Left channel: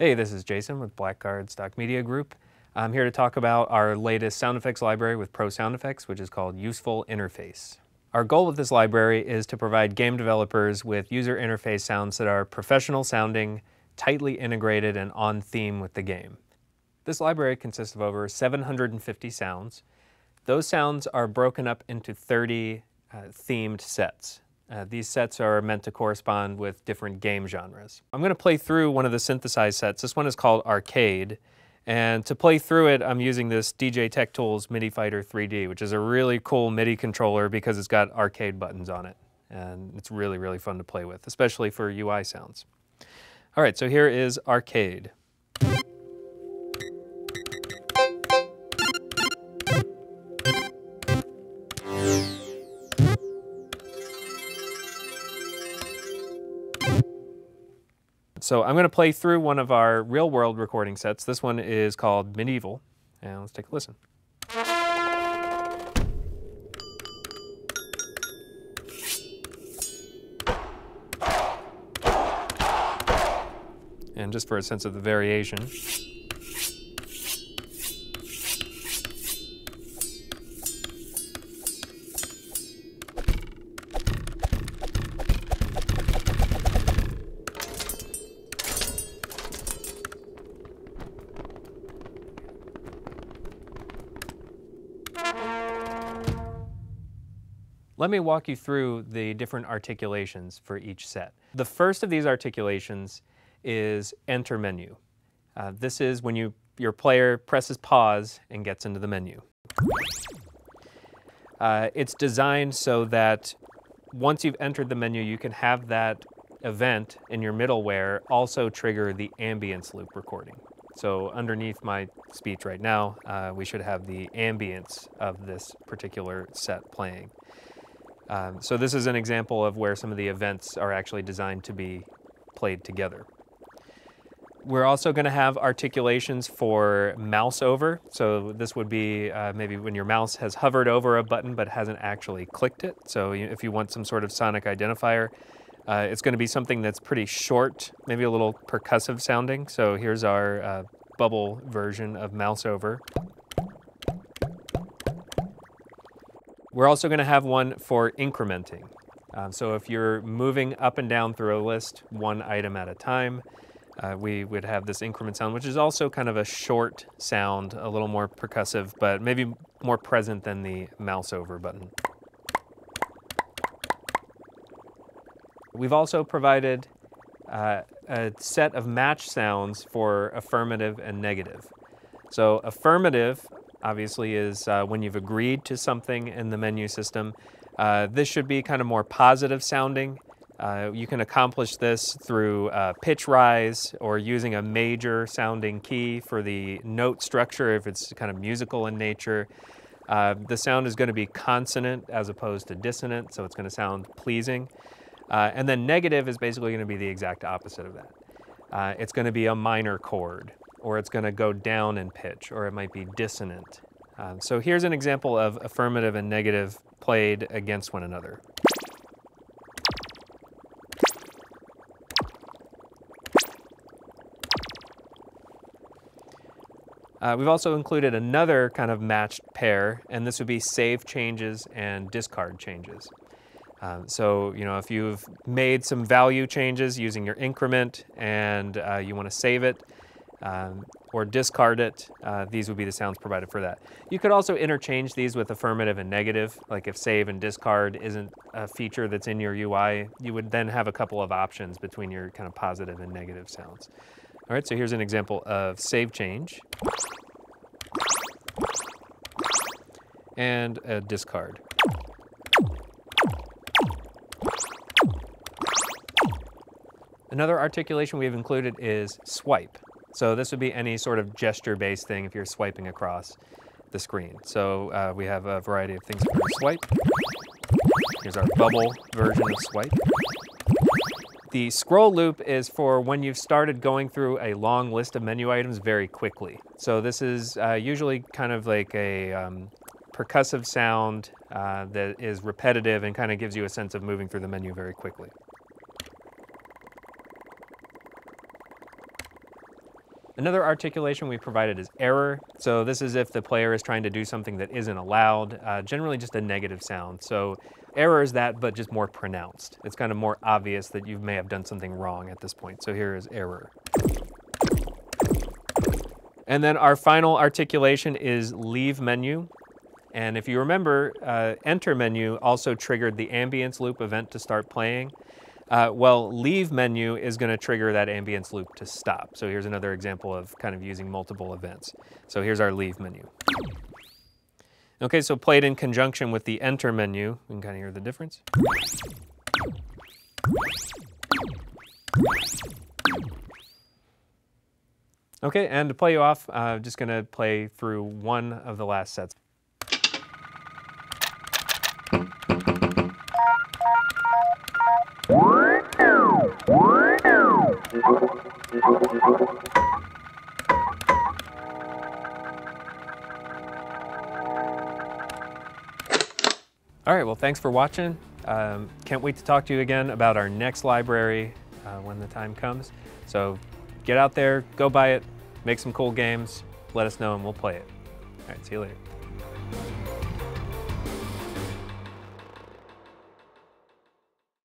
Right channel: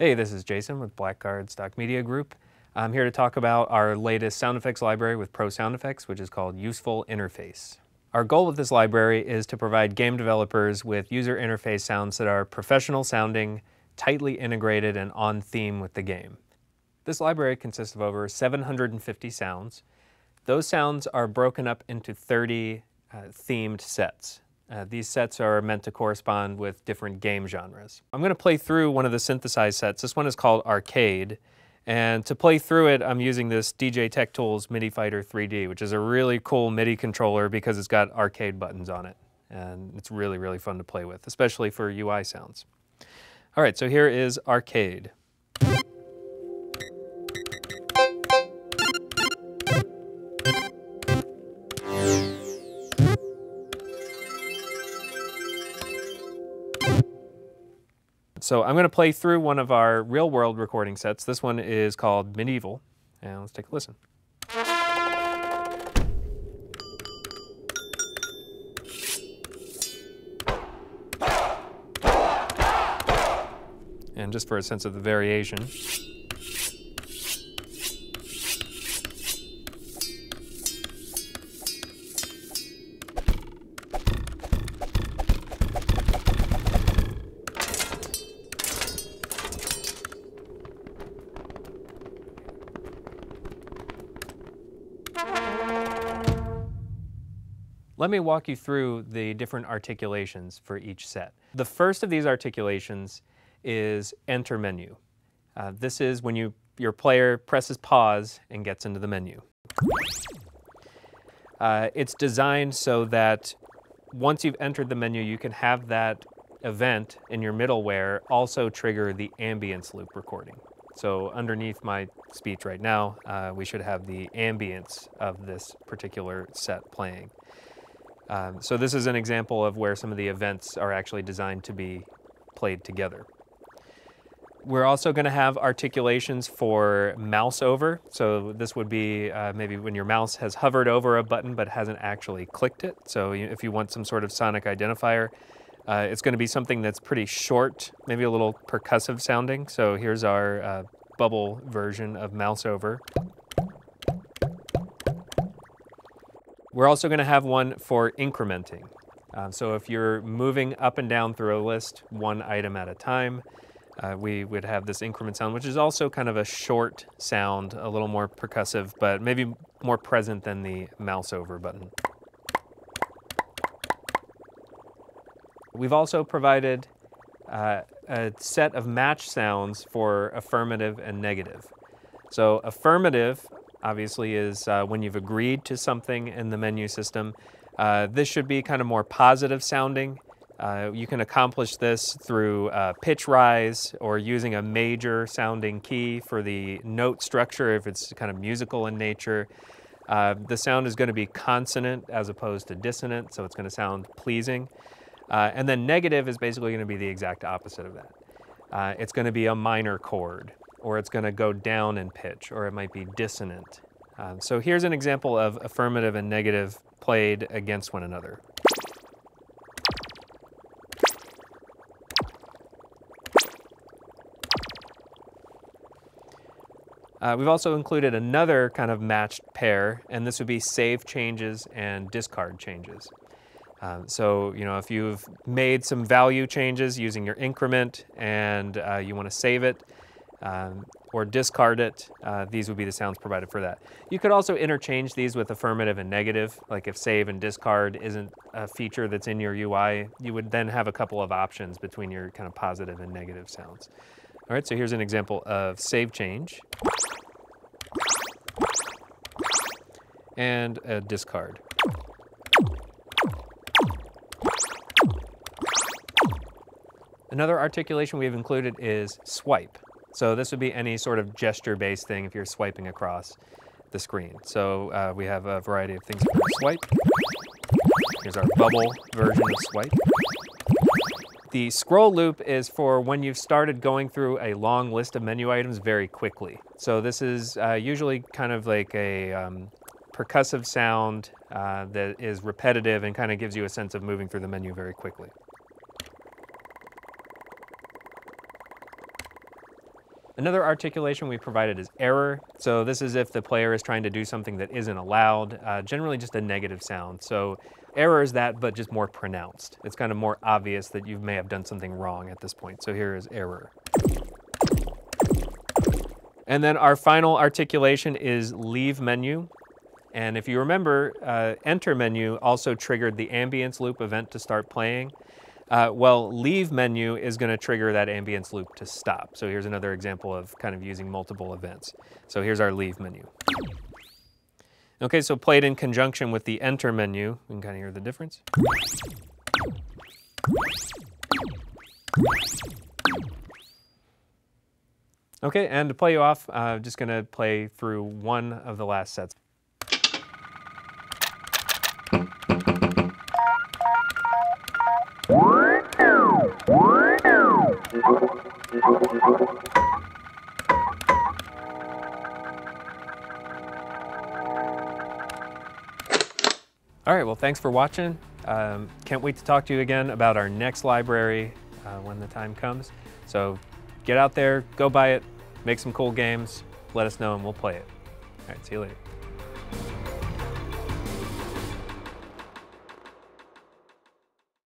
Hey, this is Jason with Blackguard Stock Media Group. I'm here to talk about our latest sound effects library with Pro Sound Effects, which is called Useful Interface. Our goal with this library is to provide game developers with user interface sounds that are professional sounding, tightly integrated, and on theme with the game. This library consists of over 750 sounds. Those sounds are broken up into 30 themed sets. These sets are meant to correspond with different game genres. I'm going to play through one of the synthesized sets. This one is called Arcade. And to play through it, I'm using this DJ Tech Tools MIDI Fighter 3D, which is a really cool MIDI controller because it's got arcade buttons on it. And it's really, really fun to play with, especially for UI sounds. All right, so here is Arcade. So I'm going to play through one of our real-world recording sets. This one is called Medieval, and let's take a listen. And just for a sense of the variation. Let me walk you through the different articulations for each set. The first of these articulations is Enter Menu. This is when your player presses pause and gets into the menu. It's designed so that once you've entered the menu, you can have that event in your middleware also trigger the ambience loop recording. So underneath my speech right now, we should have the ambience of this particular set playing. So this is an example of where some of the events are actually designed to be played together. We're also going to have articulations for mouse over. So this would be maybe when your mouse has hovered over a button but hasn't actually clicked it. So if you want some sort of sonic identifier, it's going to be something that's pretty short, maybe a little percussive sounding. So here's our bubble version of mouse over. We're also going to have one for incrementing. So if you're moving up and down through a list, one item at a time, we would have this increment sound, which is also kind of a short sound, a little more percussive, but maybe more present than the mouse over button. We've also provided a set of match sounds for affirmative and negative. So affirmative obviously is when you've agreed to something in the menu system. This should be kind of more positive sounding. You can accomplish this through pitch rise or using a major sounding key for the note structure if it's kind of musical in nature. The sound is going to be consonant as opposed to dissonant, so it's going to sound pleasing. And then negative is basically going to be the exact opposite of that. It's going to be a minor chord, or it's going to go down in pitch, or it might be dissonant. So here's an example of affirmative and negative played against one another. We've also included another kind of matched pair, and this would be save changes and discard changes. So, if you've made some value changes using your increment and you want to save it or discard it, these would be the sounds provided for that. You could also interchange these with affirmative and negative, like if save and discard isn't a feature that's in your UI, you would then have a couple of options between your kind of positive and negative sounds. All right, so here's an example of save change and a discard. Another articulation we've included is swipe. So this would be any sort of gesture-based thing if you're swiping across the screen. So we have a variety of things for swipe. Here's our bubble version of swipe. The scroll loop is for when you've started going through a long list of menu items very quickly. So this is usually kind of like a percussive sound that is repetitive and kind of gives you a sense of moving through the menu very quickly. Another articulation we provided is error. So this is if the player is trying to do something that isn't allowed, generally just a negative sound. So error is that, but just more pronounced. It's kind of more obvious that you may have done something wrong at this point. So here is error. And then our final articulation is leave menu. And if you remember, enter menu also triggered the ambience loop event to start playing. Well, leave menu is going to trigger that ambience loop to stop. So here's another example of kind of using multiple events. So here's our leave menu. Okay, so played in conjunction with the enter menu, we can kind of hear the difference. Okay, and to play you off, I'm just going to play through one of the last sets. All right, well, thanks for watching. Can't wait to talk to you again about our next library when the time comes. So get out there, go buy it, make some cool games, let us know and we'll play it. All right, see you later.